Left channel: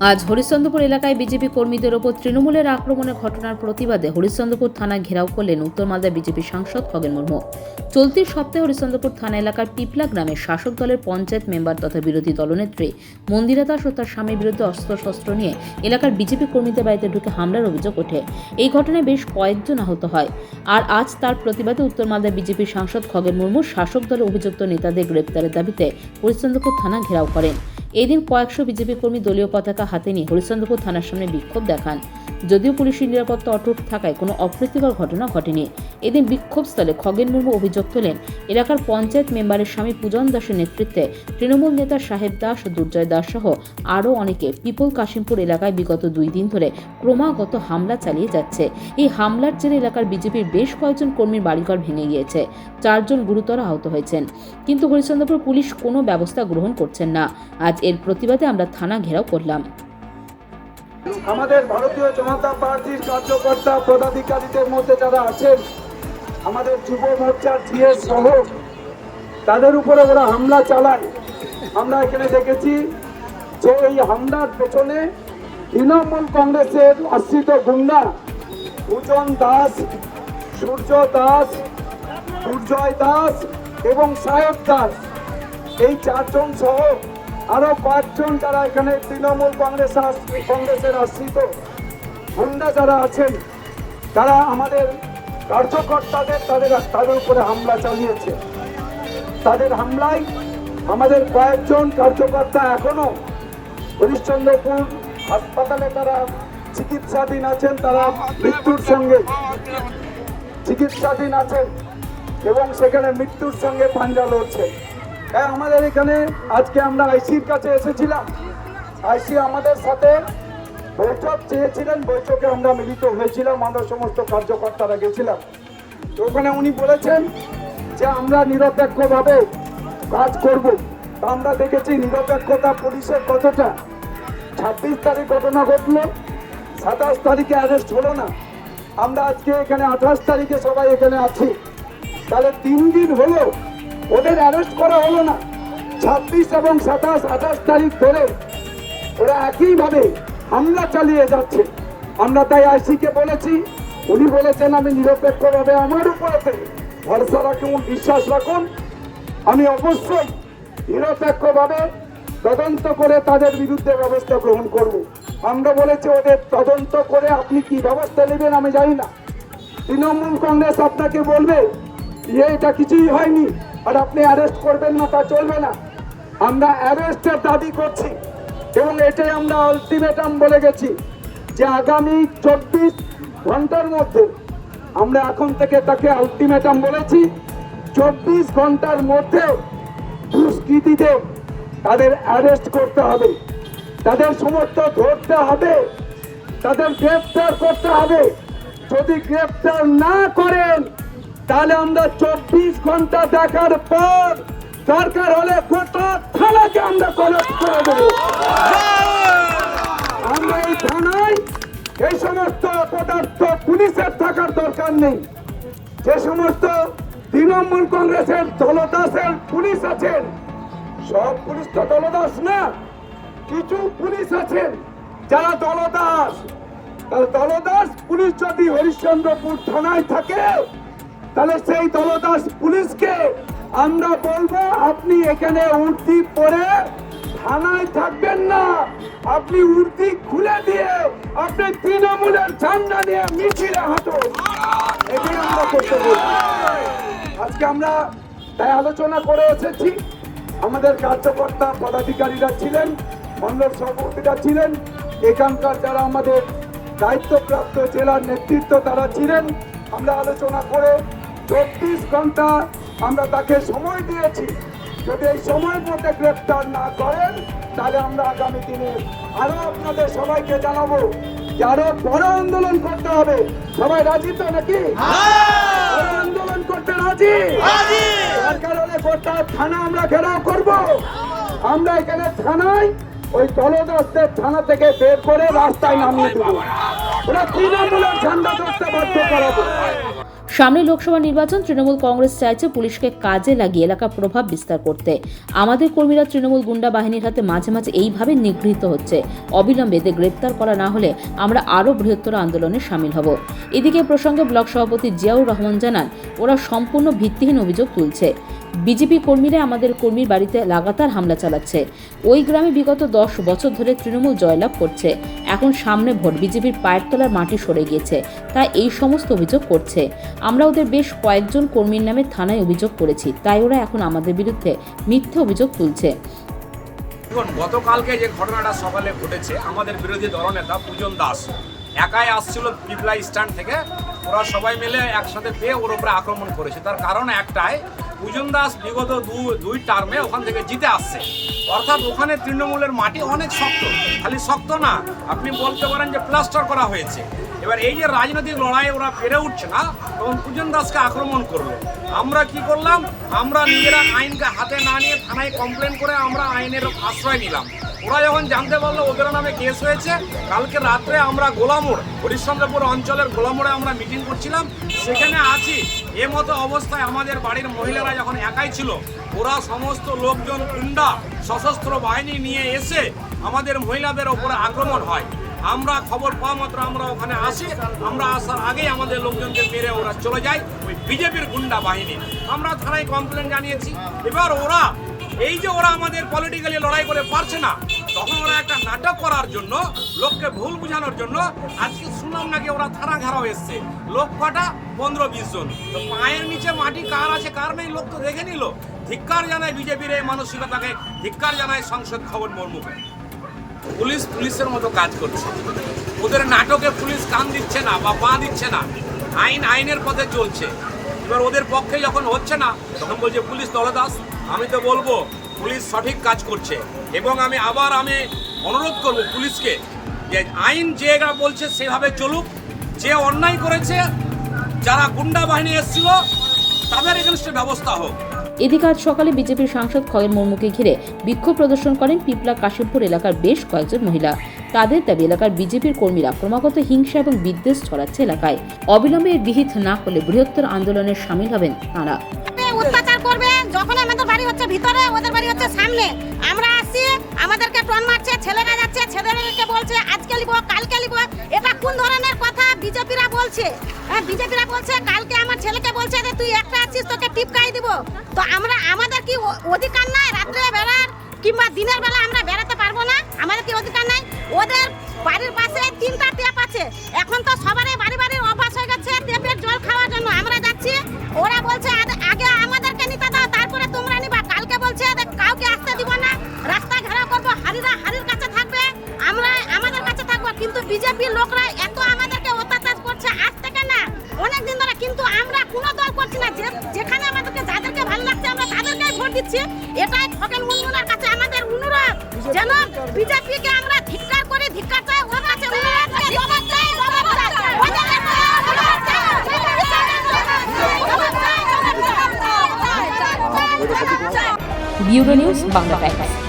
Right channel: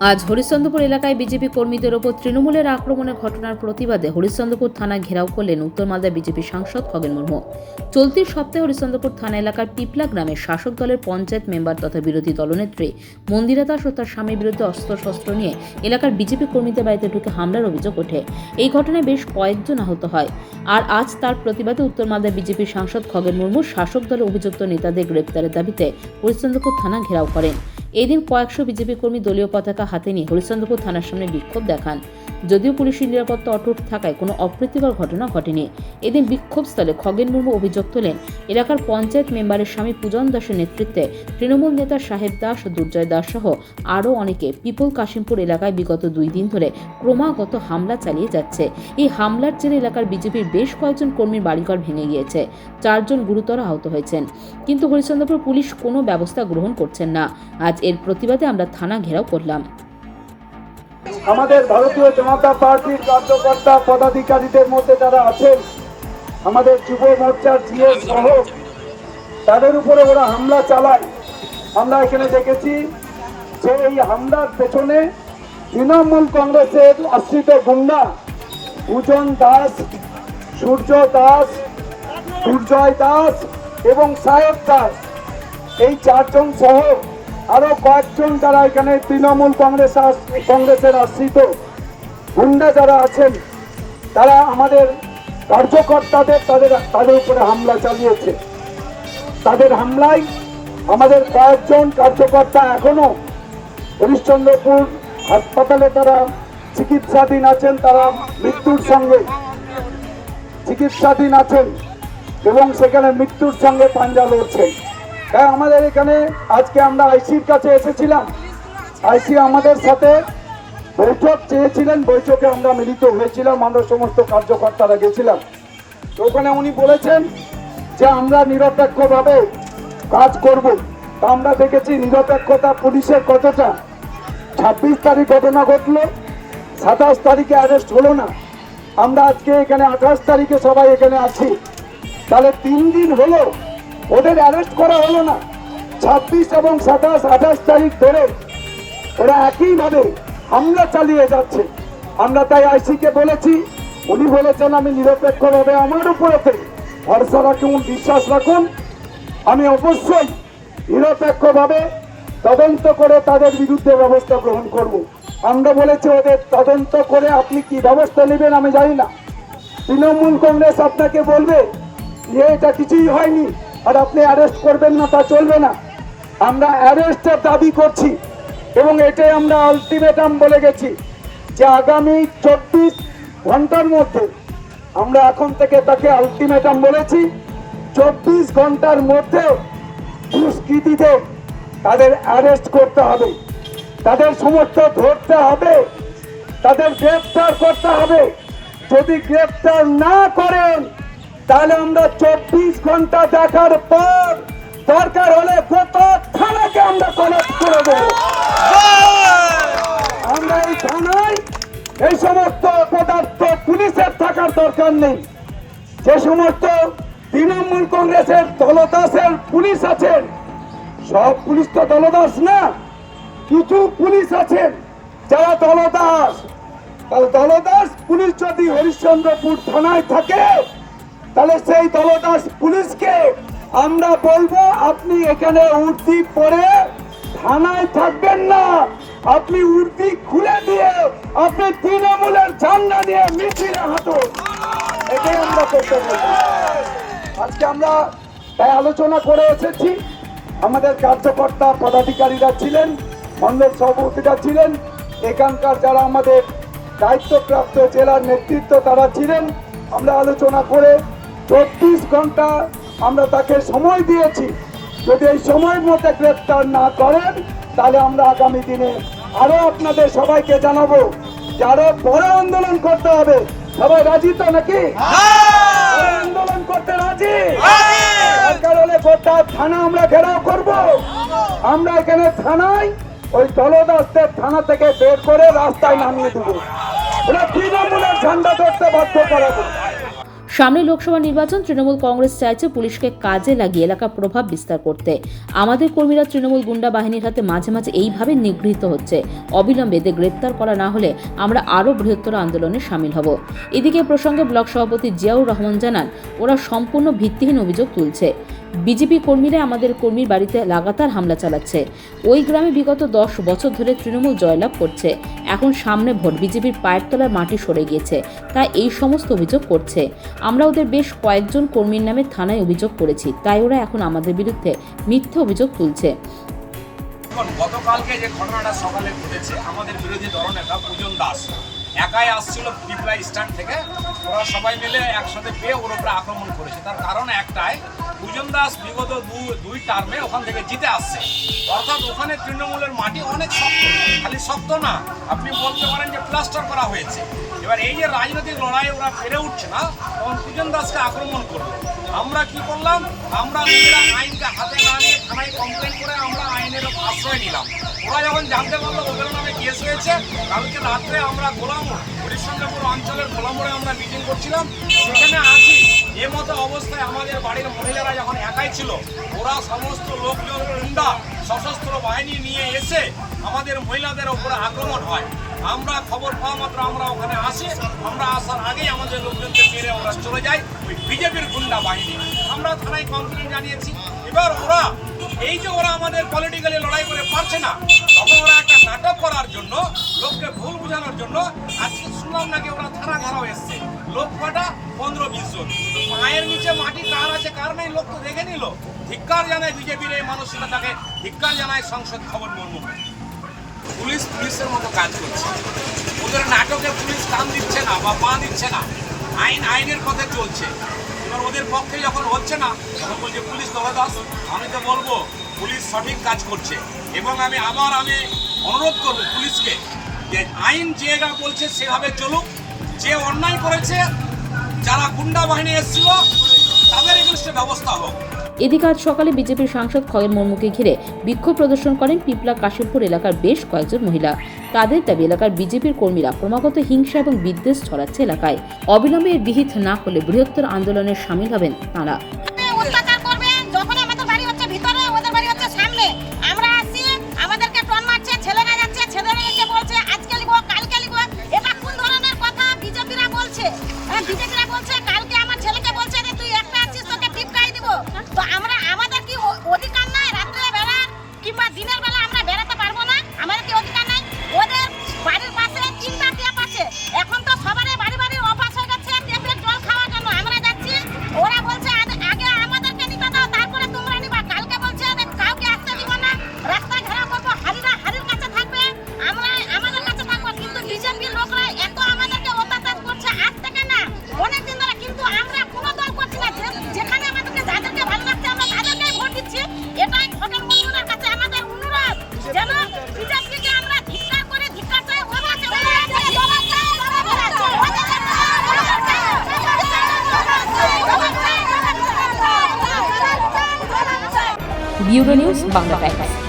আজ হরিশ্চন্দ্রপুর এলাকায় বিজেপি কর্মীদের ওপর তৃণমূলের আক্রমণের ঘটনার প্রতিবাদে হরিশ্চন্দ্রপুর থানা ঘেরাও করলেন উত্তর মালদা বিজেপি সাংসদ খগেন মুর্মু। চলতি সপ্তাহে হরিশ্চন্দ্রপুর থানা এলাকার পিপলা গ্রামে শাসক দলের পঞ্চায়েত মেম্বার তথা বিরোধী দলনেত্রী মন্দিরা দাস ও তার স্বামীর বিরুদ্ধে অস্ত্রশস্ত্র নিয়ে এলাকার বিজেপি কর্মীদের বাড়িতে ঢুকে হামলার অভিযোগ ওঠে। এই ঘটনায় বেশ কয়েকজন আহত হয়। আর আজ তার প্রতিবাদে উত্তর মালদা বিজেপি সাংসদ খগেন মুর্মু শাসক দলের অভিযুক্ত নেতাদের গ্রেপ্তারের দাবিতে হরিশ্চন্দ্রপুর থানা ঘেরাও করেন। এই দিন কয়েকশো বিজেপি কর্মী দলীয় পতাকা হাতে নিয়ে হরিশ্চন্দ্রপুর থানার সামনে বিক্ষোভ দেখান। যদিও পুলিশের নিরাপত্তা অটুট থাকায় কোনো অপ্রীতিকর ঘটনা ঘটেনি। এদিন বিক্ষোভস্থলে খগেন মুর্মু অভিযোগ তোলেন, এলাকার পঞ্চায়েত মেম্বারের স্বামী পূজন দাসের নেতৃত্বে তৃণমূল নেতা সাহেব দাস ও দুর্জয় দাস সহ আরও অনেকে পিপল কাশিমপুর এলাকায় বিগত 2 দিন ধরে ক্রমাগত হামলা চালিয়ে যাচ্ছে। এই হামলার জেরে এলাকার বিজেপির বেশ কয়েকজন কর্মীর বাড়িঘর ভেঙে গিয়েছে, 4 জন গুরুতর আহত হয়েছেন। কিন্তু হরিশ্চন্দ্রপুর পুলিশ কোনো ব্যবস্থা গ্রহণ করছেন না। আজ এর প্রতিবাদে আমরা থানা ঘেরাও করলাম। আমাদের ভারতীয় জনতা পার্টির কার্যকর্তা পদাধিকারীদের মধ্যে যারা আছেন, আমাদের যুব মোর্চার জিএস সহ তাদের উপরে ওরা হামলা চালায়। আমরা এখানে দেখেছি যে এই হামলার পেছনে তৃণমূল কংগ্রেসের আশ্রিত গুন্ডা পূজন দাস, সূর্য দাস, দুর্জয় দাস এবং সাহেব দাস, এই 4 জন সহ আরো কয়েকজন যারা এখানে তৃণমূল কংগ্রেসের আশ্রিত গুন্ডা যারা আছেন, তারা আমাদের কার্যকর্তাদের তাদের উপরে হামলা চালিয়েছে। তাদের হামলায় আমাদের কয়েকজন কার্যকর্তা এখনো হরিশ্চন্দ্রপুর হাসপাতালে তারা চিকিৎসাধীন আছেন, তারা মৃত্যুর সঙ্গে চিকিৎসাধীন আছেন এবং সেখানে মৃত্যুর সঙ্গে পাঞ্জা লড়ছেন। আমাদের এখানে আজকে আমরা আইসির কাছে এসেছিলাম, আইসি আমাদের সাথে বৈঠক চেয়েছিলেন, বৈঠকে আমরা মিলিত হয়েছিলাম, আমরা সমস্ত কার্যকর্তারা গেছিলাম। ওখানে উনি বলেছেন যে আমরা নিরপেক্ষভাবে কাজ করব। আমরা দেখেছি নিরপেক্ষতা পুলিশের কতটা। 26 তারিখ ঘটনা ঘটলো, 27 তারিখে অ্যারেস্ট হলো না। আমরা আজকে এখানে 28 তারিখে সবাই এখানে আছি, তাহলে 3 দিন হলো ওদের অ্যারেস্ট করা হলো না। 26 এবং 27, 28 তারিখ ধরে ওরা একইভাবে হামলা চালিয়ে যাচ্ছে। আমরা তাই আইসিকে বলেছি, উনি বলেছেন আমি নিরপেক্ষভাবে আমার উপরে ভরসা রাখুন, বিশ্বাস রাখুন, আমি অবশ্যই নিরপেক্ষভাবে তদন্ত করে তাদের বিরুদ্ধে ব্যবস্থা গ্রহণ করব। আমরা বলেছি ওদের তদন্ত করে আপনি কি ব্যবস্থা নেবেন আমি জানি না। তৃণমূল কংগ্রেস আপনাকে বলবে যে এটা কিছুই হয়নি আর আপনি অ্যারেস্ট করবেন না, তা চলবে না। আমরা অ্যারেস্টের দাবি করছি এবং এটাই আমরা আলটিমেটাম বলে গেছি যে আগামী 24 ঘন্টার মধ্যে, আমরা এখন থেকে তাকে আলটিমেটাম বলেছি, 24 ঘন্টার মধ্যে দুষ্কৃতীদের তাদের অ্যারেস্ট করতে হবে, তাদের সমস্ত ধরতে হবে, তাদের গ্রেফতার করতে হবে। যদি গ্রেফতার না করেন তাহলে আমরা 24 ঘন্টা দেখার পর দরকার হলে গোটা থানাকে আমরা কলাপ করে দেব। আমরা এই থানায় এই সমস্ত অপদার্থ পুলিশের থাকার দরকার নেই। যে সমস্ত তৃণমূল কংগ্রেসের দলদাসের পুলিশ আছেন, সব পুলিশ তো দলদাস না, কিছু পুলিশ আছেন যারা দলদাস। দলদাস পুলিশ যদি হরিশ্চন্দ্রপুর থানায় থাকে তাহলে সেই দলদাস পুলিশকে আমরা বলবো আপনি এখানে উর্দি পরে থানায় থাকবেন না, আপনি উর্দি খুলে দিয়ে আপনি তৃণমূলের ঝান্ডা নিয়ে মিছিলে হাঁটুন। এটাই আমরা করতে বলবো। আজকে আমরা তাই আলোচনা করে এসেছি। আমাদের কার্যকর্তা পদাধিকারীরা ছিলেন, মণ্ডল সভাপতিরা ছিলেন, এখানকার যারা আমাদের দায়িত্বপ্রাপ্ত জেলার নেতৃত্ব তারা ছিলেন। আমরা আলোচনা করে 24 ঘন্টা আমরা তাকে সময় দিয়েছি। যদি এই সময়ের মধ্যে গ্রেফতার না করেন তাহলে আমরা আগামী দিনে আরো আপনাদের সবাইকে জানাবো যে আরো বড় আন্দোলন করতে হবে। সবাই রাজি তো নাকি? আন্দোলন করতে রাজি? দরকার হলে গোটা থানা আমরা ঘেরাও করব। আমরা এখানে থানায় ওই দলদাসদের থানা থেকে বের করে রাস্তায় নামিয়ে দেবো, ওরা তৃণমূলের ঝান্ডা ধরতে বাধ্য করাবো। সামনে লোকসভা নির্বাচন, তৃণমূল কংগ্রেস চাইছে পুলিশকে কাজে লাগিয়ে এলাকার প্রভাব বিস্তার করতে। আমাদের কর্মীরা তৃণমূল গুন্ডা বাহিনীর হাতে মাঝে মাঝে এইভাবে নিগৃহীত হচ্ছে। অবিলম্বে এদের গ্রেপ্তার করা না হলে আমরা আরও বৃহত্তর আন্দোলনে সামিল হব। এদিকে প্রসঙ্গে ব্লক সভাপতি জিয়াউর রহমান জানান, ওরা সম্পূর্ণ ভিত্তিহীন অভিযোগ তুলছে। বিজেপি কর্মীরা আমাদের কর্মীর বাড়িতে লাগাতার হামলা চালাচ্ছে। ওই গ্রামে বিগত 10 বছর ধরে তৃণমূল জয়লাভ করছে। এখন সামনে ভোট, বিজেপির পায়ের তলার মাটি সরে গিয়েছে, তাই এই সমস্ত অভিযোগ করছে। আমরা ওদের বেশ কয়েকজন কর্মীর নামে থানায় অভিযোগ করেছি, তাই ওরা এখন আমাদের বিরুদ্ধে মিথ্যে অভিযোগ তুলছে। গতকালকে যে ঘটনাটা সকালে ঘটেছে, আমাদের বিরোধী দলনেতা পূজন দাস একাই আসছিল পিপলা স্ট্যান্ড থেকে। ওরা সবাই মিলে একসাথে পেয়ে ওর উপরে আক্রমণ করেছে। তার কারণ একটাই, পূজন দাস বিগত দুই টার্মে ওখান থেকে জিতে আসছে। অর্থাৎ ওখানে তৃণমূলের মাটি অনেক শক্ত, খালি শক্ত না, আপনি বলতে পারেন যে প্লাস্টার করা হয়েছে। এবার এই যে রাজনৈতিক লড়াই ওরা পেরে উঠছে না, তখন পূজন দাসকে আক্রমণ করলো। আমরা কি করলাম, আমরা নিজেরা আইনকে হাতে না নিয়ে থানায় কমপ্লেন করে আমরা আইনের আশ্রয় নিলাম। ওরা যখন জানতে পারলো ওদের নামে কেস হয়েছে, কালকে রাত্রে আমরা গোলামোড়, হরিশ্চন্দ্রপুর অঞ্চলের গোলামোড়ে আমরা মিটিং করছিলাম, সেখানে আছি। এ মতো অবস্থায় আমাদের বাড়ির মহিলারা যখন একাই ছিল, ওরা সমস্ত লোকজন গুন্ডা সশস্ত্র বাহিনী নিয়ে এসে আমাদের মহিলাদের ওপরে আক্রমণ হয়। আমরা খবর পাওয়া মাত্র আমরা ওখানে আসি। আমরা আসার আগেই আমাদের লোকজনকে মেরে ওরা চলে যায়, ওই বিজেপির গুন্ডা বাহিনী। আমরা থানায় কমপ্লেন জানিয়েছি। এবার ওরা এই যে ওরা আমাদের পলিটিক্যালি লড়াই করে পারছে না, তখন ওরা একটা নাটক করার জন্য, লোককে ভুল বোঝানোর জন্য আজকে শুনলাম নাকি ওরা থানা ঘেরাও এসছে। লোক কটা 15-20 জন। তো পায়ের নিচে মাটি কার আছে কার নেই লোক তো দেখে নিল। ধিক্কার জানায় বিজেপির এই মানসিকতাকে, ধিক্কার জানায় সাংসদ খগন মুর্মু। পুলিশের মতো কাজ করছে, ওদের নাটকে পুলিশ কান দিচ্ছে না বা পা দিচ্ছে না, আইনের পথে চলছে। এবার ওদের পক্ষে যখন হচ্ছে না, তখন বলছে পুলিশ দলদাস। আমি তো বলবো পুলিশ সঠিক কাজ করছে, এবং আমি অনুরোধ করব পুলিশকে যে আইন যেটা বলছে সেভাবে চলুক। যে অন্যায় করেছে, যারা গুন্ডা বাহিনী এসেছিল, তাদের এগেনস্টে ব্যবস্থা হোক। এদিকে আজ সকালে বিজেপির সাংসদ খগেন মুর্মুকে ঘিরে বিক্ষোভ প্রদর্শন করেন পিপলা কাশিমপুর এলাকার বেশ কয়েকজন মহিলা। তাদের দাবি, এলাকার বিজেপির কর্মীরা ক্রমাগত হিংসা এবং বিদ্বেষ ছড়াচ্ছে এলাকায়। অবিলম্বে এর বিহিত না হলে বৃহত্তর আন্দোলনে সামিল হবেন তাঁরা। অত্যাচার করবে, যখন আমাদের বাড়ি হচ্ছে ভিতরে, ওদের বাড়ি হচ্ছে সামনে। আমরা আসি, আমাদেরকে টন মারছে, ছেলেরা যাচ্ছে, ছেলেদেরকে বলছে আজকে লিব কালকে লিব। এটা কোন ধরনের কথা বিজেপিরা বলছে? বিজেপিরা বলছে কালকে আমার ছেলেকে বলছে যে তুই একটা আছিস, তোকে টিপকাই দিব। তো আমাদের কি অধিকার নাই রাত্রে বেলা কিংবা দিনের বেলা আমরা বেড়াতে পারবো না? আমাদের কি অধিকার নাই? ওদের বাড়ির পাশে 3টা ট্যাপ আছে। এখন তো সবারই বাড়ি বাড়ি অভ্যাস হয়ে গেছে ট্যাপের জল খাওয়ার জন্য। আমরা যাচ্ছি, ওরা বলছে আগে আমাদেরকে নিতে দাও, তারপরে তোমরা নিবা। কালকে বলছে কাউকে আসতে দিব না, রাস্তা ঘেরাও করবো, হারির কাছে থাকবে, আমরা আমাদের কাছে থাকবো। কিন্তু বিজেপির লোকরা এত আমাদেরকে অত্যাচার করছে আজ থেকে না, অনেকদিন ধরে। কিন্তু আমরা কোনো দল করছি না, যেখানে আমাদেরকে যাদেরকে ভালো লাগছে আমরা তাদেরকেই ভোট দিচ্ছি। এটাই খগেন মুর্মুর কাছে আমাদের অনুরোধ, যেন বিজেপিকে আমরা ধিক্কার করে ধিক্কার চাই। ওরা আছে ব্যুরো নিউজ, বাংলা টাইমস।